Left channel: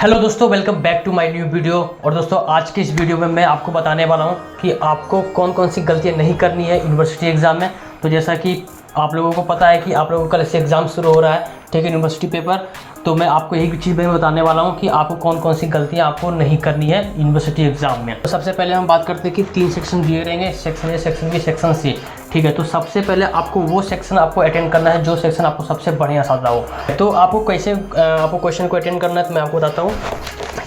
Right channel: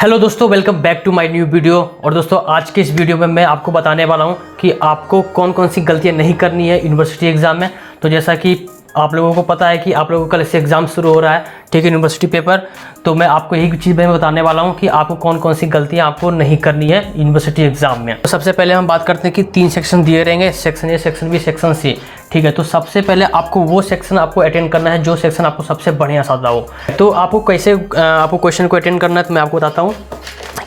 Hello दोस्तों, welcome back to my new video. और दोस्तों, आज के इस वीडियो में मैं आपको बताने वाला हूं कि आपको कौन कौन सी गलतियां नहीं करनी है यूनिवर्सिटी एग्ज़ाम में। तो जैसा कि आप लोगों को पता है कि आप लोगों का कल से एग्ज़ाम शुरू हो रहा है, ठीक है, यूनिवर्सिटी पेपर। तो मैं आपको यही चीज़ मैं बताने वाला हूं कि आपको कौन कौन सी गलतियां आपको नहीं करनी है यूनिवर्सिटी एग्ज़ाम में। तो सबसे पहले हम बात करते हैं कि 3 सेक्शन दिए रहेंगे, section A, section B, section C, ठीक है। तो सबसे पहले आपको वो सेक्शन आपको अटेंड करना है जो सेक्शन आपको सबसे बढ़िया साधा हो। तो आपको कैसे आपको क्वेश्चन को अटेंड करना है, तो मैं आपको बताता हूँ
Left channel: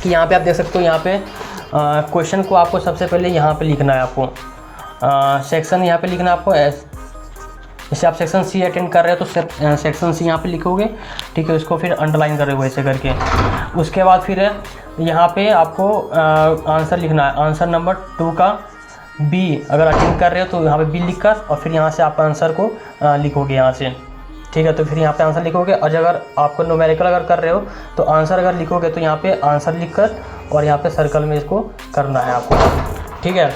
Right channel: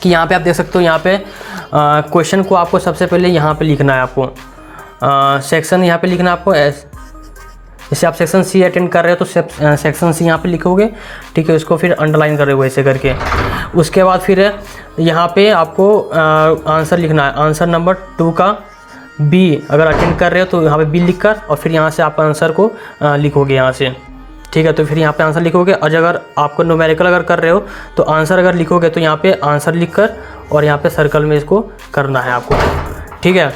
कि यहाँ पे आप देख सकते हो। यहाँ पे क्वेश्चन को आपको सबसे पहले यहाँ पे लिखना है। आपको सेक्शन यहाँ पे लिखना है आपको। जैसे आप सेक्शन सी अटेंड कर रहे हो तो सेक्शन सी यहाँ पे लिखोगे, ठीक है। इसको फिर अंडरलाइन कर रहे हो ऐसे करके। उसके बाद फिर यहाँ पे आपको आंसर लिखना है। आंसर नंबर 2 का बी अगर अटेंड कर रहे हो तो यहाँ पे बी लिख कर, और फिर यहाँ से आप आंसर को लिखोगे यहाँ से, ठीक है। तो फिर यहाँ पे आंसर लिखोगे। और अगर आपको न्यूमेरिकल अगर कर रहे हो तो आंसर अगर लिखोगे तो यहाँ पे आंसर लिख कर और यहाँ पे सर्कल में इसको करना है आपको, ठीक है।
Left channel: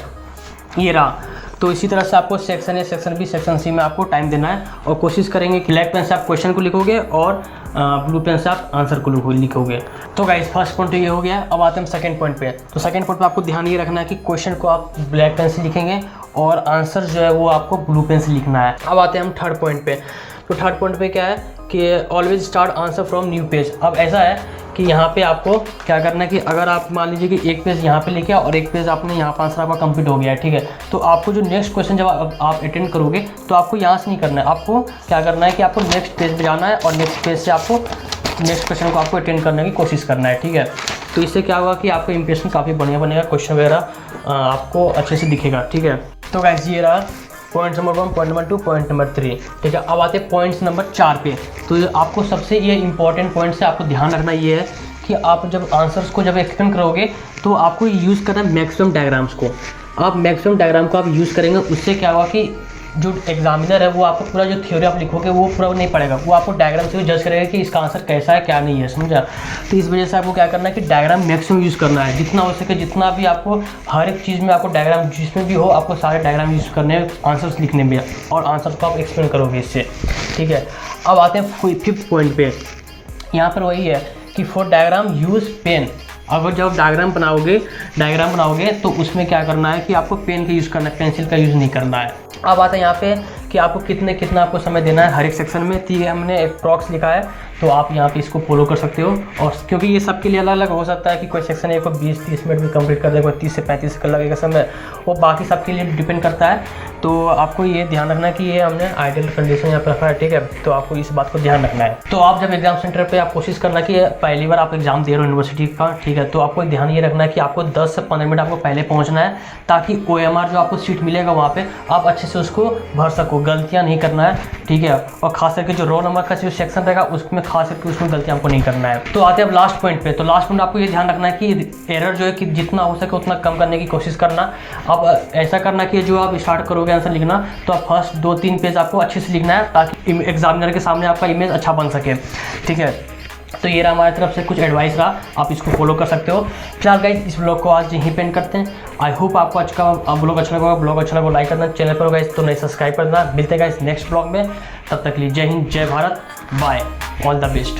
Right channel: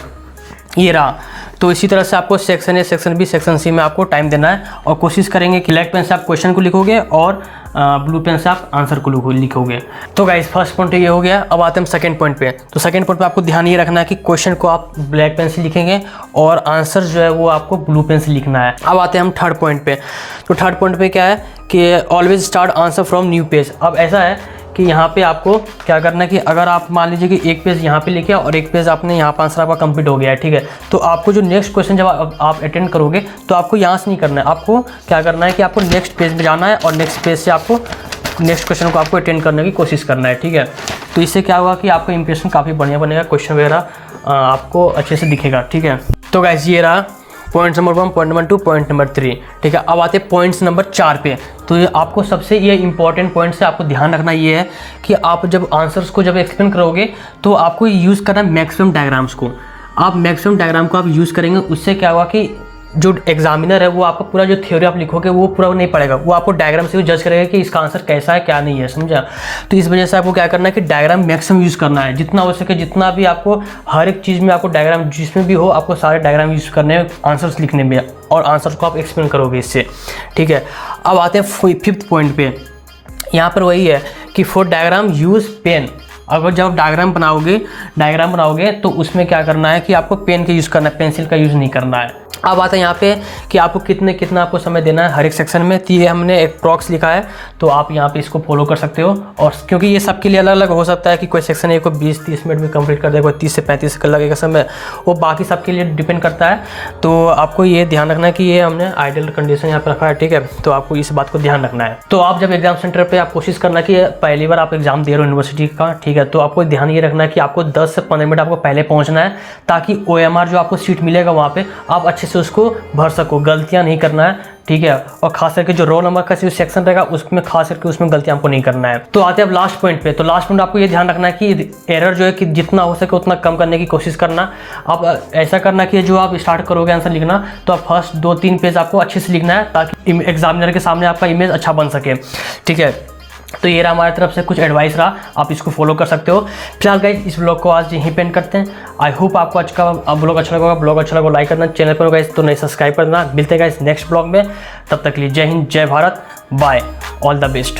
ये रहा। तो इसी तरह से आपको section A, section B, section C में आपको टाइम देना है। और कोशिश करेंगे कि ब्लैक पेन से आप क्वेश्चन को लिखोगे और ब्लू पेन से आप आंसर को लिखोगे। तो गाइस, फर्स्ट पॉइंट ये हो गया। अब आते हैं सेकंड पॉइंट पे। तो सेकंड पॉइंट पे आपको ध्यान ये रखना है कि क्वेश्चन को आप ब्लैक पेन से लिखेंगे और आंसर जो है वो आपको ब्लू पेन से लिखना है। अब आते हैं हम थर्ड पॉइंट पे। तो थर्ड पॉइंट पे क्या है कि always start answer from new page. अब ऐसा है कि यहाँ पे आपको क्या करना है कि अगर आप मान लीजिए कि एक पेज यहाँ पे लेके और एक पेज आपने यहाँ पर आंसर आपका कंप्लीट हो गया है, ठीक है। तो आपको जो नेक्स्ट क्वेश्चन जब आप अटेंड करोगे तो आपको यहाँ से नहीं करना है। आपको क्या करना है कि आपको नेक्स्ट पेज पे जाना है और नेक्स्ट पेज से आपको नेक्स्ट क्वेश्चन को आपको अटेंड करने की कोशिश करना है, ठीक है। तो इससे क्या होगा कि आपका इंप्रेशन काफ़ी बढ़िया बनेगा, क्वेश्चन वगैरह आपको अच्छे से दिखेगा, ठीक है। तो गाइस, ये रहा point number 1, point number 2, point number 3, ठीक है। अब आते हैं पॉइंट्स नंबर 4 पे। तो ये आपको सबसे ये इंपॉर्टेंट पॉइंट से आपको ध्यान रखना ये है कि आप जब आंसर्स को जब एक्सप्लेन करोगे तो आपको यूज़ करना है मैक्सिमम डायग्राम्स को। आप मैक्सिमम डायग्राम को आप यूज़ करेंगे, उससे क्या होगा कि जो एग्जामिनर है वो आपको पूरा जो थ्योरी आप लिखोगे वो पूरा नहीं पड़ेगा, वो आपको डायग्राम से भी जज करेगा कि इसका आंसर कैसा है क्या नहीं है, समझा। तो इस वजह से आपको क्या करना है कि डायग्राम मैक्सिमम यूज़ करना है, जितना हो सके। जितना भी आपको हर एक चीज़ में आपको डायग्राम जिसमें भी हो आपको सारे डायग्राम यूज़ करने हैं आंसर्स लिखने में, और आंसर्स को आप एक्सप्लेन करोगे इससे, ठीक है। अब आते हैं 5th पॉइंट पे। यहाँ पर वही है कि फॉर डायग्राम यूज़ पेन। अगर जब डायग्राम बनाओगे तो उसमें क्या करना है कि आपको पेन का यूज़ करना है, पेंसिल का यूज़ नहीं करना है। अब आता है यहाँ पे कि आपको कितना आपको समय देना है हर एक सेक्शन में। तो ये हमने एक प्रॉक्स लिखा है, तो आप यहाँ पे इसको फॉलो कर सकते हो। और क्योंकि ये सबके लिए अलग अलग हो सकता है कि कोई सेक्शन है को 20-30 मिनट में कंप्लीट कर दे, कोई 30 से 35 सेकंड लगेगा समय, वो बाकी सबके लिए डिपेंड करता है। तो आपको ये ध्यान रखना है कि ये हमने आइडियल कंडीशन यहाँ पर रखा है, ठीक है। तो आपको इस बात को ध्यान रखना है। तो आप जब एग्जाम सेंटर पर आप कोशिश करना कि पहली बार आप एग्जाम दे रहे हो यूनिवर्सिटी का, ठीक है, तो आपको ध्यान ये रखना है कि आपको 10 से 15 मिनट आपको पहले पहुँचना है, ताकि OMR जो आपको सीट मिलेगा वहाँ पर आप अच्छे से उसको भर सको, गलतियां नहीं करना है, ठीक है। और खास करके जो रोल नंबर का जो सेक्शन रहेगा उसमें खास करके उसमें गलतियां आपको नहीं करना है। तो आते हैं अब लास्ट पॉइंट पे। तो लास्ट पॉइंट आपको ये ध्यान रखना है कि एरर जो है कि जितना हो सके उतना कम करने की कोशिश करना। आप ऐसा करना कि जो आप स्टार्ट करोगे आंसर लिखना तो आप फर्स्ट 2-3 पेज आपको अच्छे से लिखना है, ताकि एग्जामिनर के सामने आपका इमेज अच्छा बन सके, ठीक है। तो ये रहा हमारी तरफ से कुछ एडवाइस रहा, आप इसको फॉलो कर सकते हो। फिलहाल गाइस, इस ब्लॉग को आज यहीं पेंड करते हैं। आई होप आपको आज का ब्लॉग अच्छा लगा। ब्लॉग अच्छा लगा लाइक करना, चैनल पर गाइस तो नहीं सब्सक्राइब करना। मिलते हैं गाइस नेक्स्ट ब्लॉग में, तब तक के लिए जय हिंद, जय Bharat, bye, all the best.